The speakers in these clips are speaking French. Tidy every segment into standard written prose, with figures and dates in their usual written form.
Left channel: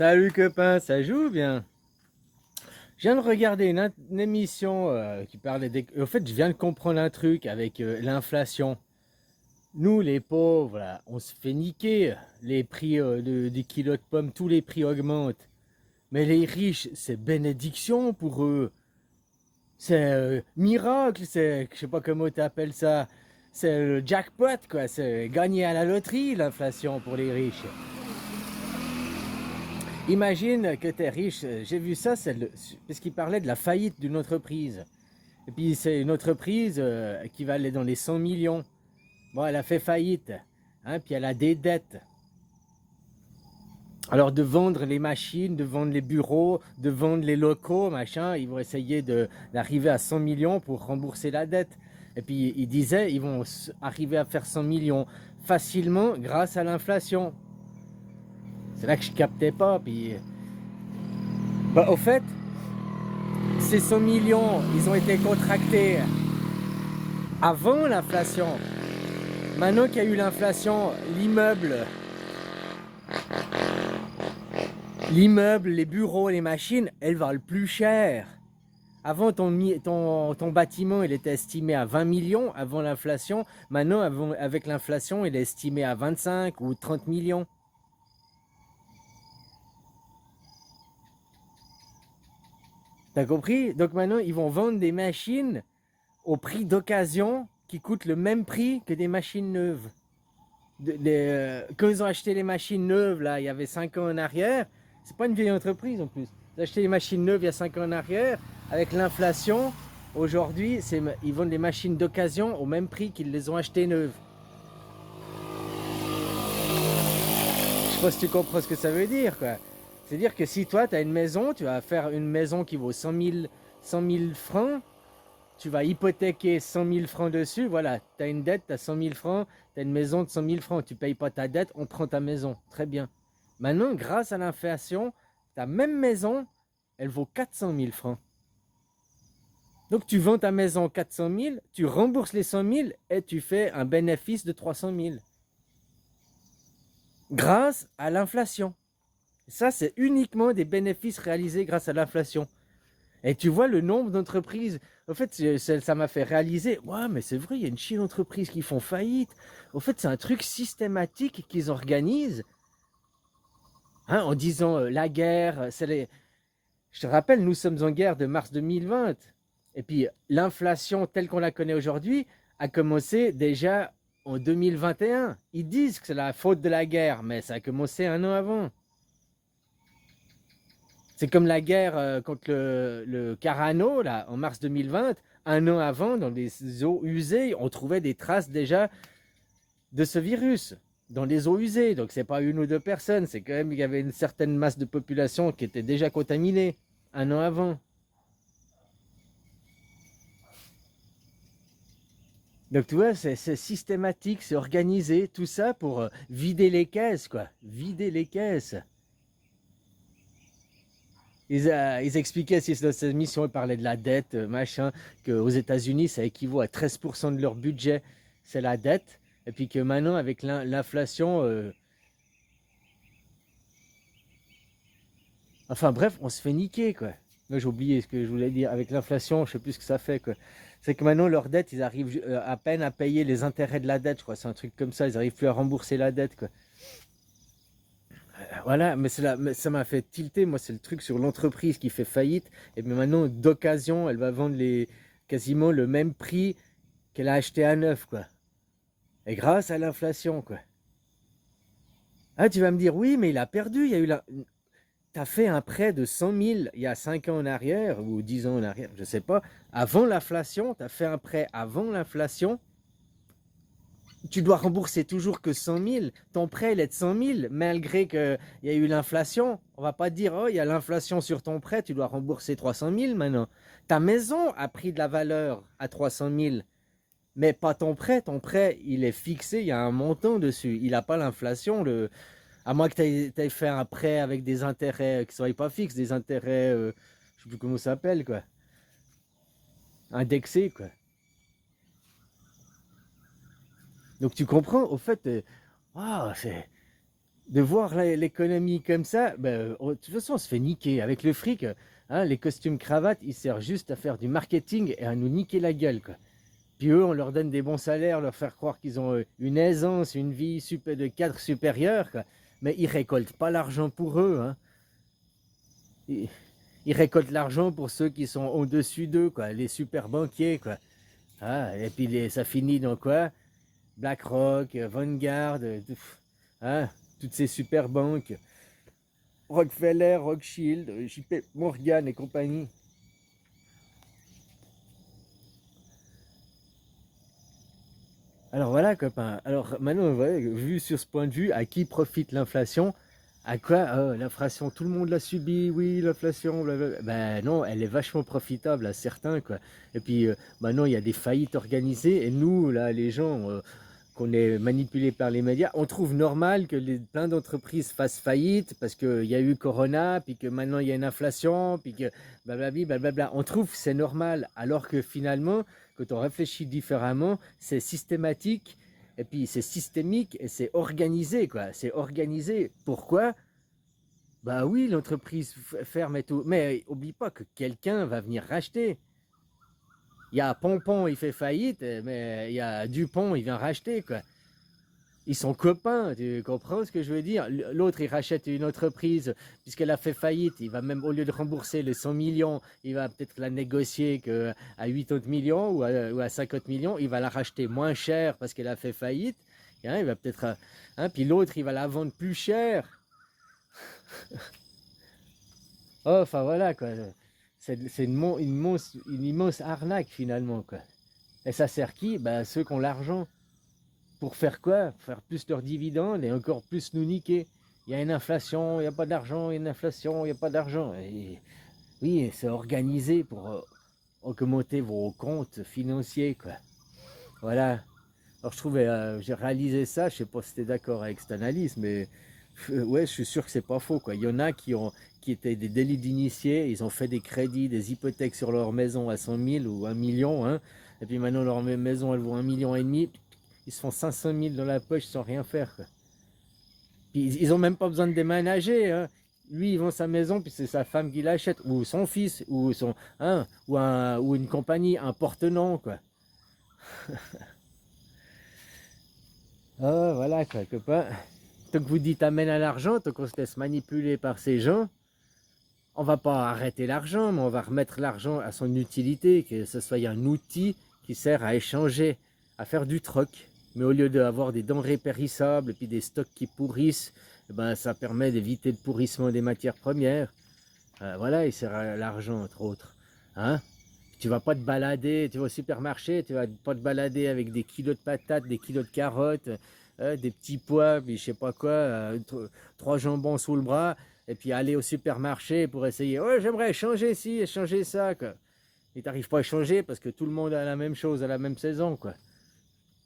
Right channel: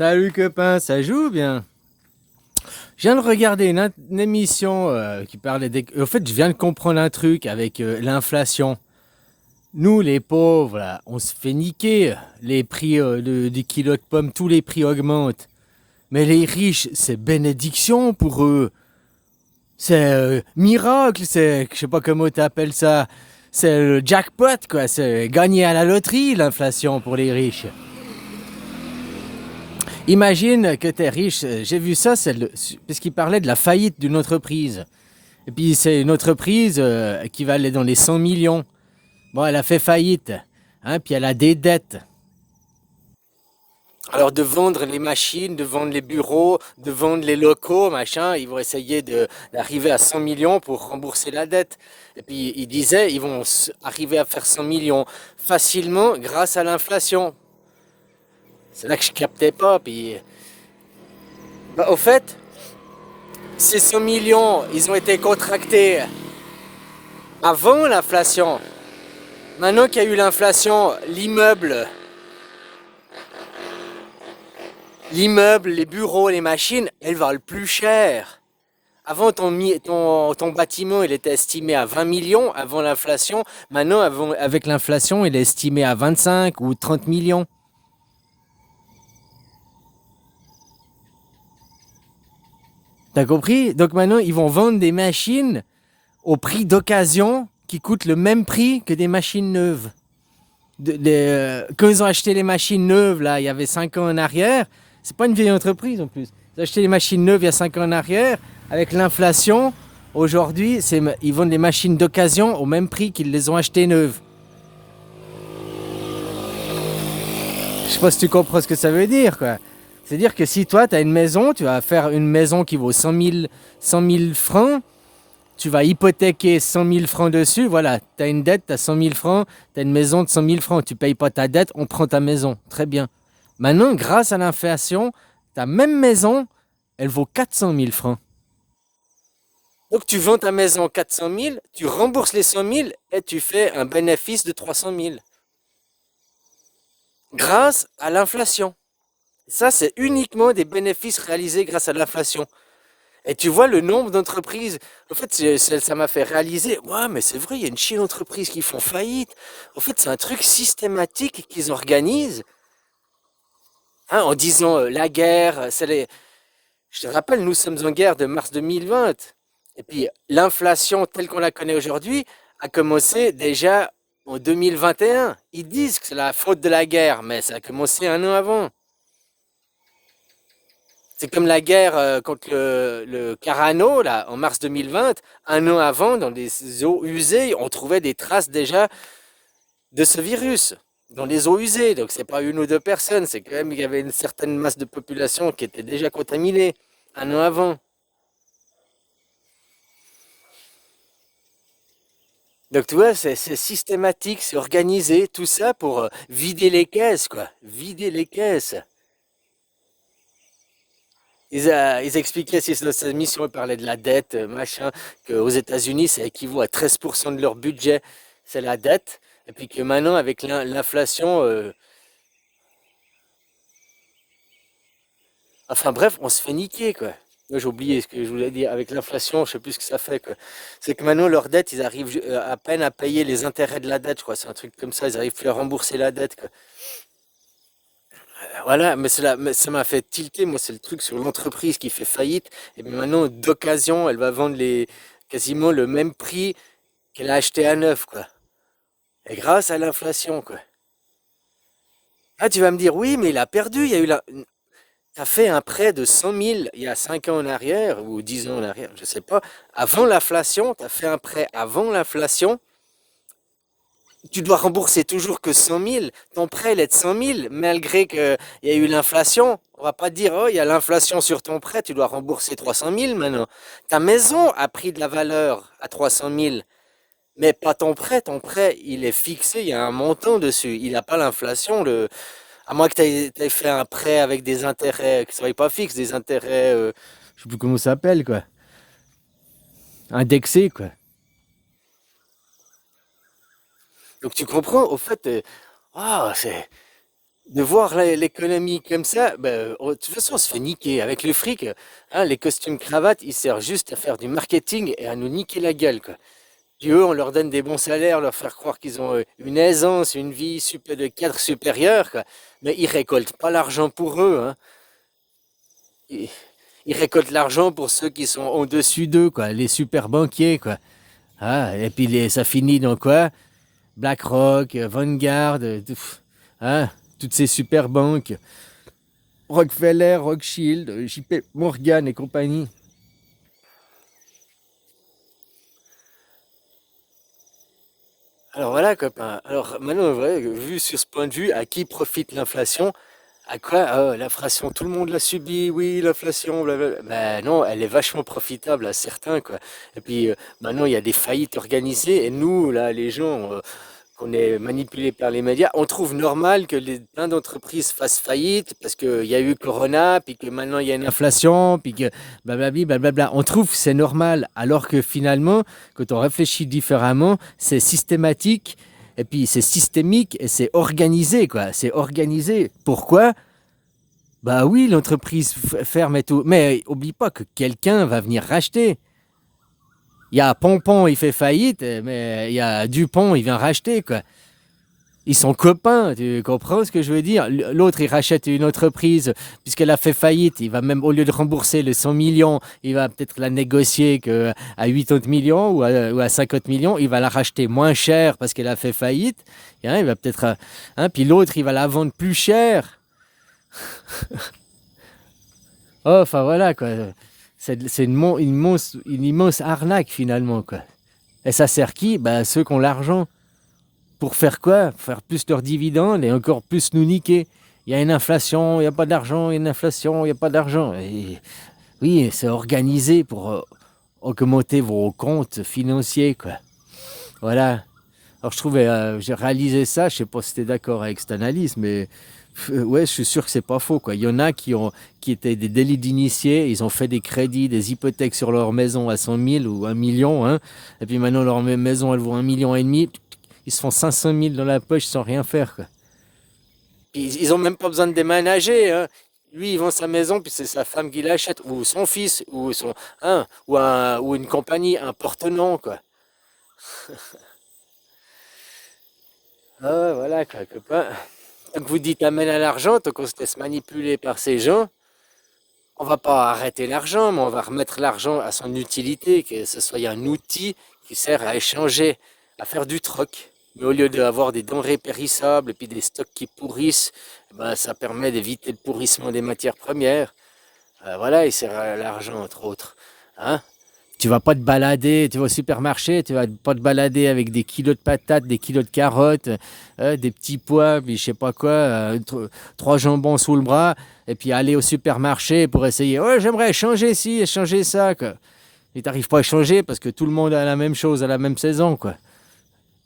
Salut copain, ça joue bien? Je viens de regarder une émission qui parlait des... En fait, je viens de comprendre un truc avec l'inflation. Nous, les pauvres, là, on se fait niquer. Les prix des kilos de pommes, tous les prix augmentent. Mais les riches, c'est bénédiction pour eux. C'est miracle, c'est... Je sais pas comment tu appelles ça. C'est le jackpot, quoi. C'est gagner à la loterie, l'inflation pour les riches. Imagine que tu es riche. J'ai vu ça, parce qu'il parlait de la faillite d'une entreprise. Et puis c'est une entreprise qui va aller dans les 100 millions. Bon, elle a fait faillite. Hein, puis elle a des dettes. Alors de vendre les machines, de vendre les bureaux, de vendre les locaux, machin, ils vont essayer d'arriver à 100 millions pour rembourser la dette. Et puis ils disaient, ils vont arriver à faire 100 millions facilement grâce à l'inflation. C'est là que je captais pas. Puis, bah, au fait, ces 100 millions, ils ont été contractés avant l'inflation. Maintenant qu'il y a eu l'inflation, l'immeuble, les bureaux, les machines, elles valent plus cher. Avant, ton bâtiment, il était estimé à 20 millions avant l'inflation. Maintenant, avec l'inflation, il est estimé à 25 ou 30 millions. T'as compris? Donc maintenant, ils vont vendre des machines au prix d'occasion qui coûtent le même prix que des machines neuves. Quand ils ont acheté les machines neuves, là, il y avait 5 ans en arrière, c'est pas une vieille entreprise en plus. Ils ont acheté les machines neuves il y a 5 ans en arrière, avec l'inflation, aujourd'hui, ils vendent les machines d'occasion au même prix qu'ils les ont achetées neuves. Je sais pas si tu comprends ce que ça veut dire, quoi. C'est-à-dire que si toi, tu as une maison, tu vas faire une maison qui vaut 100 000 francs, tu vas hypothéquer 100 000 francs dessus, voilà, tu as une dette, tu as 100 000 francs, tu as une maison de 100 000 francs, tu payes pas ta dette, on prend ta maison. Très bien. Maintenant, grâce à l'inflation, ta même maison, elle vaut 400 000 francs. Donc tu vends ta maison 400 000, tu rembourses les 100 000 et tu fais un bénéfice de 300 000. Grâce à l'inflation. Ça, c'est uniquement des bénéfices réalisés grâce à l'inflation. Et tu vois le nombre d'entreprises. En fait, ça m'a fait réaliser. Ouais, mais c'est vrai, il y a une chier d'entreprises qui font faillite. En fait, c'est un truc systématique qu'ils organisent. Hein, en disant la guerre, je te rappelle, nous sommes en guerre de mars 2020. Et puis, l'inflation telle qu'on la connaît aujourd'hui a commencé déjà en 2021. Ils disent que c'est la faute de la guerre, mais ça a commencé un an avant. C'est comme la guerre contre le Carano, là, en mars 2020. Un an avant, dans des eaux usées, on trouvait des traces déjà de ce virus dans les eaux usées. Donc, c'est pas une ou deux personnes, c'est quand même qu'il y avait une certaine masse de population qui était déjà contaminée un an avant. Donc, tu vois, c'est systématique, c'est organisé, tout ça pour vider les caisses, quoi. Vider les caisses. Ils expliquaient, si dans cette émission, ils parlaient de la dette, machin, qu'aux États-Unis, ça équivaut à 13% de leur budget, c'est la dette. Et puis que maintenant, avec l'inflation, enfin bref, on se fait niquer, quoi. Moi, j'ai oublié ce que je voulais dire. Avec l'inflation, je sais plus ce que ça fait, quoi. C'est que maintenant, leur dette, ils arrivent à peine à payer les intérêts de la dette, je crois. C'est un truc comme ça. Ils arrivent plus à rembourser la dette, quoi. Voilà, mais ça m'a fait tilter. Moi, c'est le truc sur l'entreprise qui fait faillite. Et puis maintenant, d'occasion, elle va vendre quasiment le même prix qu'elle a acheté à neuf, quoi. Et grâce à l'inflation, quoi. Ah, tu vas me dire, oui, mais il a perdu. Il y a eu la... T'as fait un prêt de 100 000 il y a 5 ans en arrière, ou 10 ans en arrière, je sais pas. Avant l'inflation, t'as fait un prêt avant l'inflation. Tu dois rembourser toujours que 100 000. Ton prêt, il est de 100 000, malgré qu'il y a eu l'inflation. On va pas dire, oh, il y a l'inflation sur ton prêt, tu dois rembourser 300 000 maintenant. Ta maison a pris de la valeur à 300 000, mais pas ton prêt. Ton prêt, il est fixé, il y a un montant dessus. Il n'a pas l'inflation. À moins que tu aies fait un prêt avec des intérêts qui ne soient pas fixes, des intérêts, je sais plus comment ça s'appelle, quoi. Indexés, quoi. Donc tu comprends, au fait, ah, c'est de voir l'économie comme ça, ben, de toute façon, on se fait niquer. Avec le fric, hein, les costumes cravates, ils servent juste à faire du marketing et à nous niquer la gueule, quoi. Puis eux, on leur donne des bons salaires, leur faire croire qu'ils ont une aisance, une vie super, de cadre supérieur, quoi. Mais ils récoltent pas l'argent pour eux, hein. Ils, ils récoltent l'argent pour ceux qui sont au-dessus d'eux, quoi, les super banquiers, quoi. Ah, et puis ça finit dans quoi? BlackRock, Vanguard, hein, toutes ces super banques, Rockefeller, Rothschild, JP Morgan et compagnie. Alors voilà, copain. Alors maintenant, ouais, vu sur ce point de vue, à qui profite l'inflation? À quoi? Ah, l'inflation, tout le monde l'a subi, oui, l'inflation, blablabla. Ben non, elle est vachement profitable à certains, quoi. Et puis maintenant, il y a des faillites organisées, et nous, là, les gens, qu'on est manipulés par les médias, on trouve normal que plein d'entreprises fassent faillite parce qu'il y a eu Corona, puis que maintenant il y a une inflation, puis que blablabla, blablabla. On trouve que c'est normal, alors que finalement, quand on réfléchit différemment, c'est systématique, et puis c'est systémique, et c'est organisé, quoi. C'est organisé. Pourquoi? Bah oui, l'entreprise ferme et tout. Mais oublie pas que quelqu'un va venir racheter. Il y a Pompon, il fait faillite, mais il y a Dupont, il vient racheter, quoi. Ils sont copains, tu comprends ce que je veux dire? L'autre, il rachète une entreprise, puisqu'elle a fait faillite, il va même, au lieu de rembourser les 100 millions, il va peut-être la négocier à 80 millions ou à 50 millions, il va la racheter moins cher parce qu'elle a fait faillite, hein, il va peut-être, hein, puis l'autre, il va la vendre plus cher. Oh, enfin voilà, quoi. C'est une immense arnaque, finalement, quoi. Et ça sert qui? Bah, ceux qui ont l'argent. Pour faire quoi? Faire plus leurs dividendes et encore plus nous niquer. Il y a une inflation, il n'y a pas d'argent, il y a une inflation, il n'y a pas d'argent. Et oui, c'est organisé pour augmenter vos comptes financiers, quoi. Voilà. Alors je trouvais, j'ai réalisé ça, je sais pas si tu es d'accord avec cette analyse, mais ouais, je suis sûr que c'est pas faux, quoi. Il y en a qui étaient des délits d'initiés, ils ont fait des crédits, des hypothèques sur leur maison à 100 000 ou 1 million, hein, et puis maintenant leur maison, elle vaut 1,5 million, ils se font 500 000 dans la poche sans rien faire, quoi. Puis ils ont même pas besoin de déménager, hein. Lui, il vend sa maison, puis c'est sa femme qui l'achète, ou son fils, ou son, hein, ou une compagnie, un porte-nom, quoi. Ah ouais, voilà, quoi, copain. Donc vous dites amène à l'argent, tant qu'on se laisse manipuler par ces gens, on va pas arrêter l'argent, mais on va remettre l'argent à son utilité, que ce soit un outil qui sert à échanger, à faire du troc. Mais au lieu d'avoir des denrées périssables et puis des stocks qui pourrissent, eh ben, ça permet d'éviter le pourrissement des matières premières. Voilà, il sert à l'argent, entre autres. Hein? Tu vas pas te balader, tu vas au supermarché, tu vas pas te balader avec des kilos de patates, des kilos de carottes, des petits pois, puis je sais pas quoi, trois jambons sous le bras, et puis aller au supermarché pour essayer. Ouais, j'aimerais changer ci et changer ça, quoi. Et t'arrives pas à changer parce que tout le monde a la même chose à la même saison, quoi.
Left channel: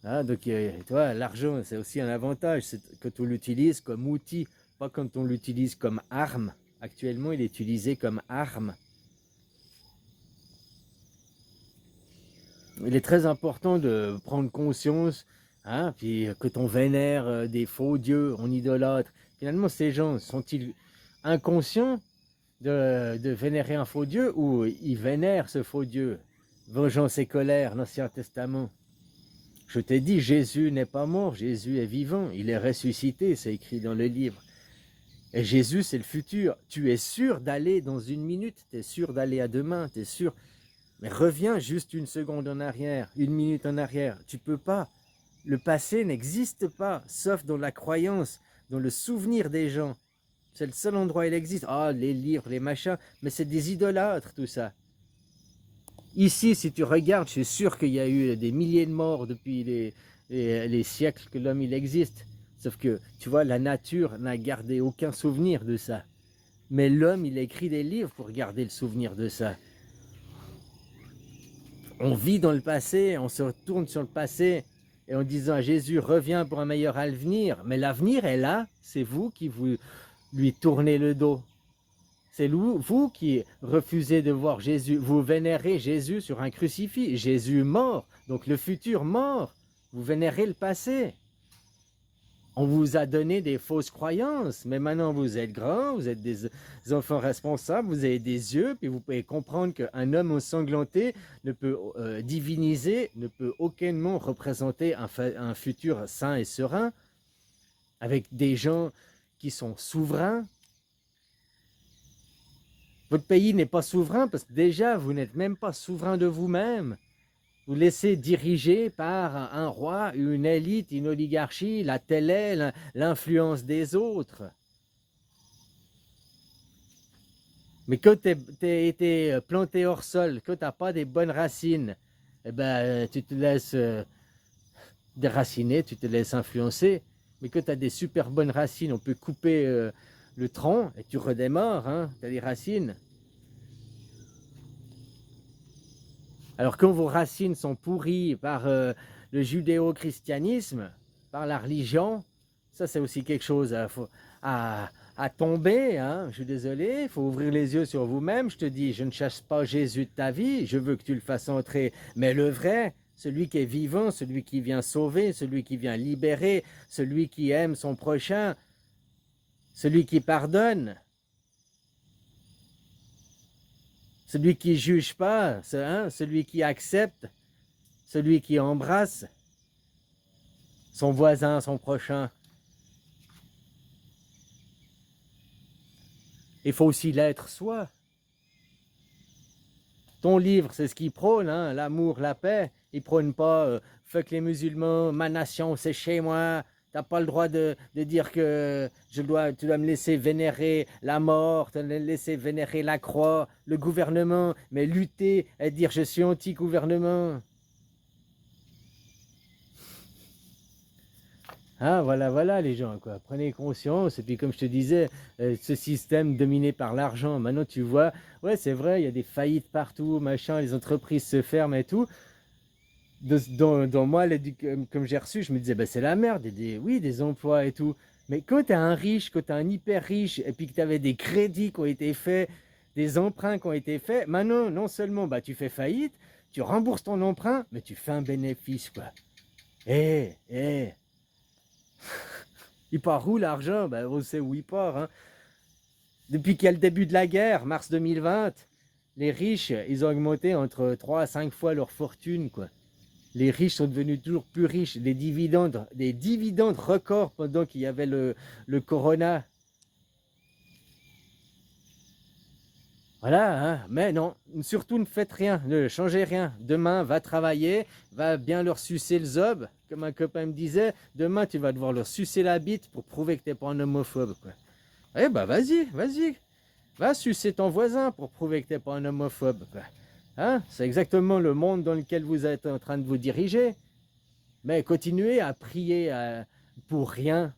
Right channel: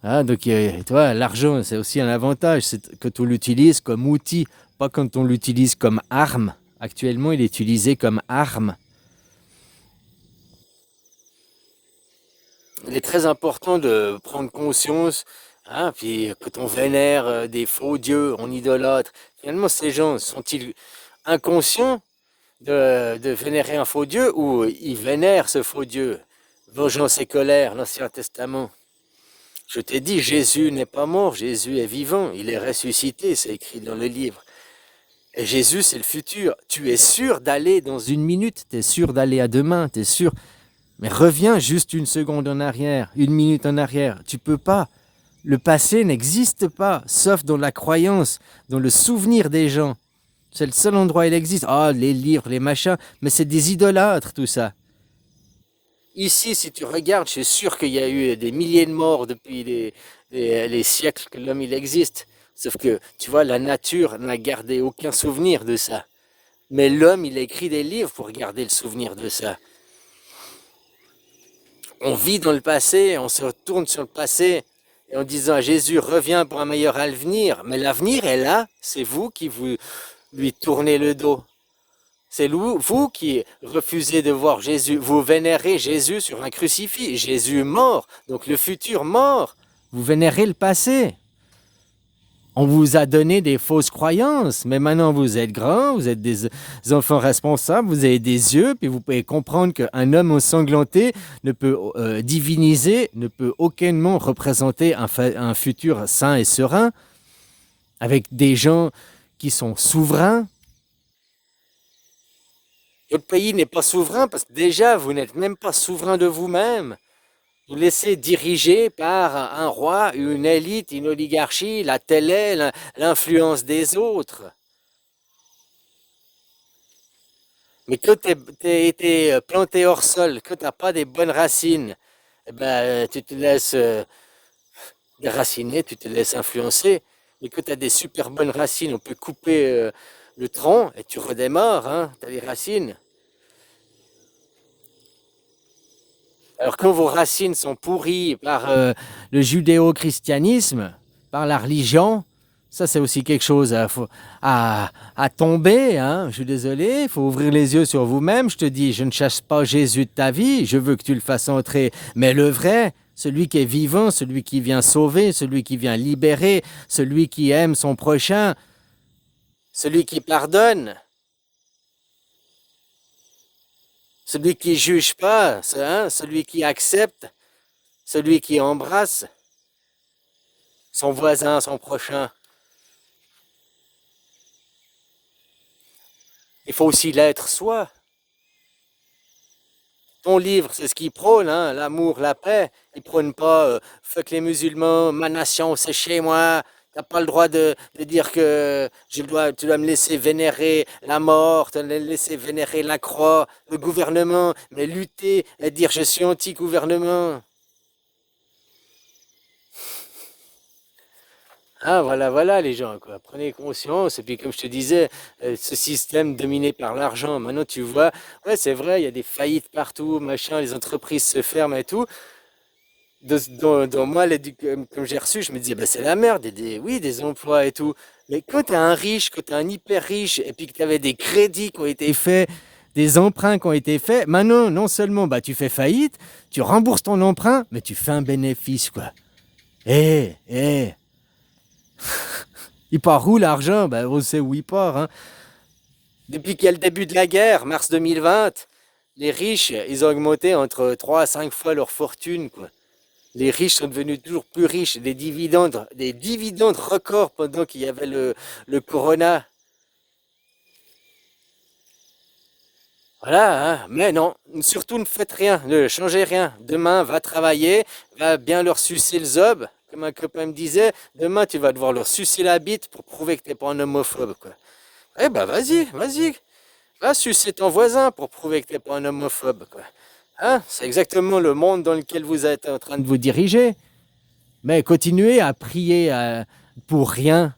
Hein, donc, tu vois, l'argent, c'est aussi un avantage, c'est que tu l'utilises comme outil, pas quand on l'utilise comme arme. Actuellement, il est utilisé comme arme. Il est très important de prendre conscience, hein, puis quand on vénère des faux dieux, on idolâtre. Finalement, ces gens sont-ils inconscients de vénérer un faux dieu ou ils vénèrent ce faux dieu? Vengeance et colère, l'Ancien Testament. Je t'ai dit, Jésus n'est pas mort, Jésus est vivant, il est ressuscité, c'est écrit dans le livre. Et Jésus, c'est le futur. Tu es sûr d'aller dans une minute, tu es sûr d'aller à demain, tu es sûr. Mais reviens juste une seconde en arrière, une minute en arrière. Tu peux pas. Le passé n'existe pas, sauf dans la croyance, dans le souvenir des gens. C'est le seul endroit où il existe. Ah, les livres, les machins, mais c'est des idolâtres, tout ça. Ici, si tu regardes, je suis sûr qu'il y a eu des milliers de morts depuis les siècles que l'homme il existe. Sauf que, tu vois, la nature n'a gardé aucun souvenir de ça. Mais l'homme, il a écrit des livres pour garder le souvenir de ça. On vit dans le passé, on se retourne sur le passé et en disant à Jésus, reviens pour un meilleur avenir. Mais l'avenir est là, c'est vous qui lui tournez le dos. C'est vous qui refusez de voir Jésus. Vous vénérez Jésus sur un crucifix. Jésus mort, donc le futur mort. Vous vénérez le passé. On vous a donné des fausses croyances, mais maintenant vous êtes grands, vous êtes des enfants responsables, vous avez des yeux, puis vous pouvez comprendre qu'un homme ensanglanté ne peut diviniser, ne peut aucunement représenter un futur sain et serein, avec des gens qui sont souverains. Votre pays n'est pas souverain parce que déjà, vous n'êtes même pas souverain de vous-même. Vous laissez diriger par un roi, une élite, une oligarchie, la télé, l'influence des autres. Mais quand tu as été planté hors sol, que tu n'as pas des bonnes racines, eh ben, tu te laisses déraciner, tu te laisses influencer. Mais quand tu as des super bonnes racines, on peut couper le tronc et tu redémarres, hein, tu as les racines. Alors quand vos racines sont pourries par le judéo-christianisme, par la religion, ça c'est aussi quelque chose à tomber, hein. Je suis désolé, il faut ouvrir les yeux sur vous-même. Je te dis, je ne chasse pas Jésus de ta vie, je veux que tu le fasses entrer, mais le vrai, celui qui est vivant, celui qui vient sauver, celui qui vient libérer, celui qui aime son prochain, celui qui pardonne. Celui qui ne juge pas, hein, celui qui accepte, celui qui embrasse son voisin, son prochain. Il faut aussi l'être soi. Ton livre, c'est ce qu'il prône, hein, l'amour, la paix. Il ne prône pas fuck les musulmans, ma nation, c'est chez moi. Tu n'as pas le droit de dire que tu dois me laisser vénérer la mort, tu dois me laisser vénérer la croix, le gouvernement, mais lutter et dire je suis anti-gouvernement. Ah, voilà les gens, quoi. Prenez conscience. Et puis, comme je te disais, ce système dominé par l'argent, maintenant tu vois, ouais, c'est vrai, il y a des faillites partout, machin, les entreprises se ferment et tout. Dans moi, comme j'ai reçu, je me disais, bah, c'est la merde, oui, des emplois et tout. Mais quand tu es un riche, quand tu es un hyper riche, et puis que tu avais des crédits qui ont été faits, des emprunts qui ont été faits, maintenant, non seulement bah, tu fais faillite, tu rembourses ton emprunt, mais tu fais un bénéfice, quoi. Eh, il part où l'argent? Ben, on sait où il part, hein. Depuis qu'il y a le début de la guerre, mars 2020, les riches, ils ont augmenté entre 3 à 5 fois leur fortune, quoi. Les riches sont devenus toujours plus riches, des dividendes records pendant qu'il y avait le corona. Voilà, hein. Mais non, surtout ne faites rien, ne changez rien. Demain, va travailler, va bien leur sucer le zob. Comme un copain me disait, demain, tu vas devoir leur sucer la bite pour prouver que tu n'es pas un homophobe, quoi. Eh ben, vas-y. Va sucer ton voisin pour prouver que tu n'es pas un homophobe, quoi. Hein? C'est exactement le monde dans lequel vous êtes en train de vous diriger. Mais continuez à prier pour rien.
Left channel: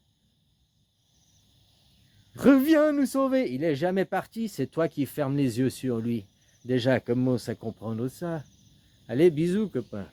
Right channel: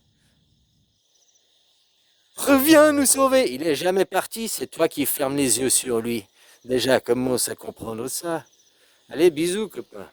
Reviens nous sauver. Il est jamais parti, c'est toi qui fermes les yeux sur lui. Déjà, commence à comprendre ça. Allez, bisous, copain.